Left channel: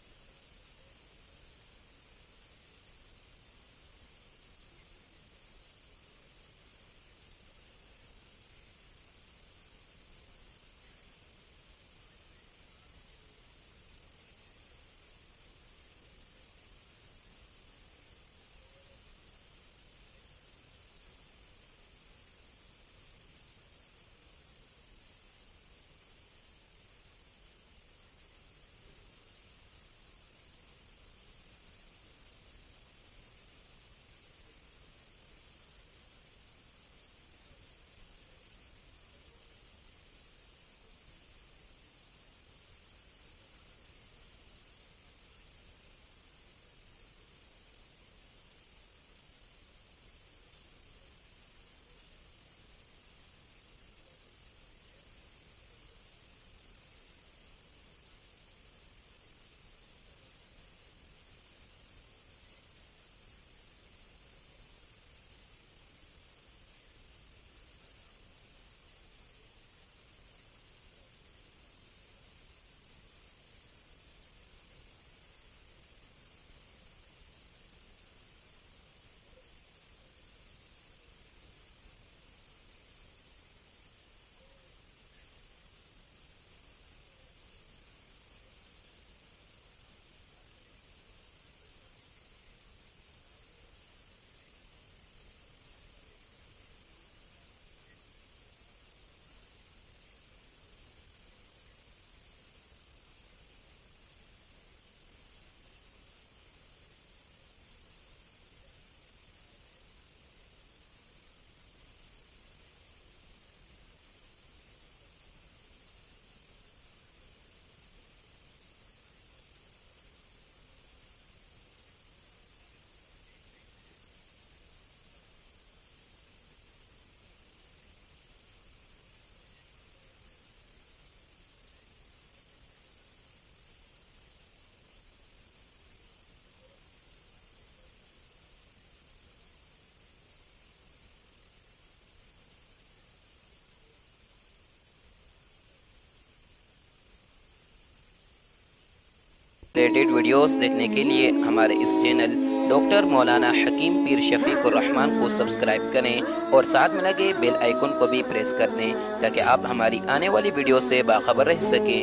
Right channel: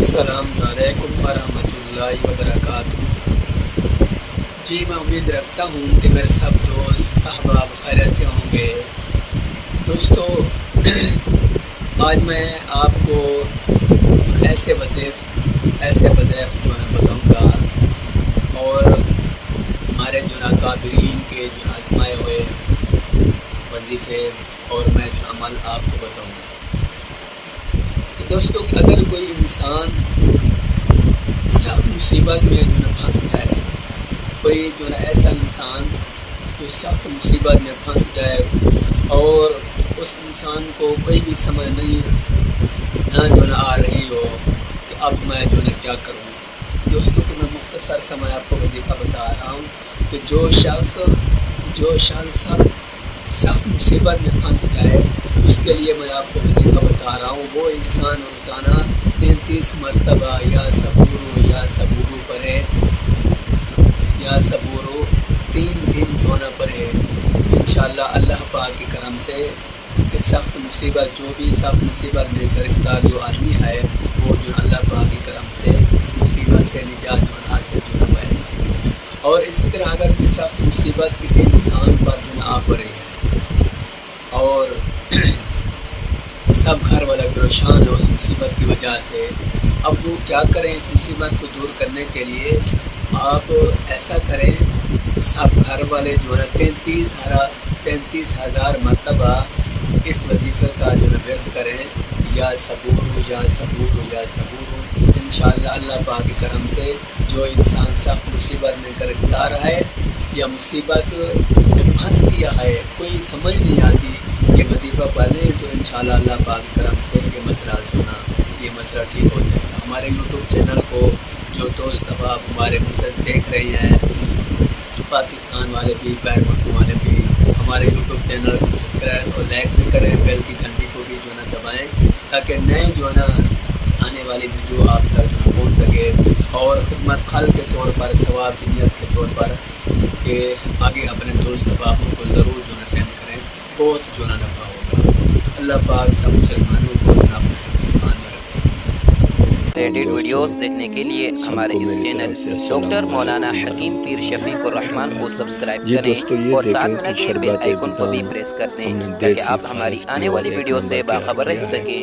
السلام علیکم ورحمۃ اللہ وبرکاتہ۔ جی میں امید رکھتا ہوں کہ میرے سب دوست احباب خیریت سے ہوں گے۔ دوستو آج میں آپ کو ایسے وظائف جو ہے بتاؤں گا، اور ہمارے جو نا قابرین کے جو آزمائے ہوئے وظیفے اور میں جو عمل آپ کو بتاؤں گا۔ دوستو اگر کوئی انسان سخت مصیبت میں جو نا پھنس جائے، کوئی جو نا ایسا انسان جو سخت مصیبت میں پھنس جائے اور اس انسان کو کوئی بھی سمجھ نہ جو نا آ رہی ہو کہ اب میں جو نا کیا کروں، دوستو کہ میں مختصر سے میں آپ کو وظیفہ بتا رہا ہوں کہ جو شخص سخت مصیبت میں پھنس جائے اس کے لیے میں آپ کو وظیفہ بتا رہا ہوں۔ وہ انسان روزانہ 33 مرتبہ یا صبورو پڑھے، یا صبورو 3 دن جو نہ پڑھے، انشاءاللہ اللہ پاک کے کرم سے کہ سخت مصیبت میں گرفتار جو آدمی ہے وہ جو اللہ پاک کے کرم سے مصیبت سے نجات جو نہ حاصل جو نہ پائے گا۔ اور اسی طرح اگر کوئی سخت مصیبت کسی انسان پر جو نہ آ پڑے ہے اور سب گھر والا پریشان ہے اس مصیبت کی وجہ سے، اب وہ کیا کریں اس مصیبت کو دور کرنے کے لیے؟ آپ ایسا کریں کہ سب گھر والے جو ہے 33,000 مرتبہ اس وظیفے کا جو ہے ورد کریں، یا صبورو انشاءاللہ اللہ پاک کے کرم سے جو انسان سخت مصیبت میں گرفتار ہے یا مصیبت میں پھنس گیا ہے، کوئی سمجھ نہیں آتی، یہ وظیفہ پڑھ لیں تو انشاءاللہ اللہ پاک کے کرم سے یہ مسئلہ ٹھیک ہو جائے گا۔ ہمارے یوٹیوب چینل کو جو دوست اب آپ ہمارے مخلص دیکھ رہے ہیں، پاکستان والے بھی، غیر ملکوں والے بھی، ہمارے یوٹیوب چینل کو سبسکرائب اور لائک بھی کریں، بیل کی گھنٹی کو بھی جو ہے نا دبائیں تاکہ نئے جو ہے نا آنے والی ویڈیو آپ تک جو ہے پہنچ سکے، اور خدمت خلق کے طور پر، ثواب کی نیت کے طور پر کہ آگے اپنے دوست احبابوں کو ضرور جو ہے سینڈ کریں، بہت جو ہے نفع ہوگا۔ اللہ پاک سب مسلمانوں کو جو ہے اپنے حفظ و ایمان میں رکھے۔ ریلیٹڈ ویڈیوز دیکھنے کے لیے ہمارے اس چینل ڈاکٹر مولانا حکیم پیر شفیق الرحمان کو سبسکرائب کریں اور ساتھ میں لگے بیل آئیکن کو بھی پریس کر دیں تاکہ آپ ہماری آنے والی ویڈیو سے باخبر رہ سکیں۔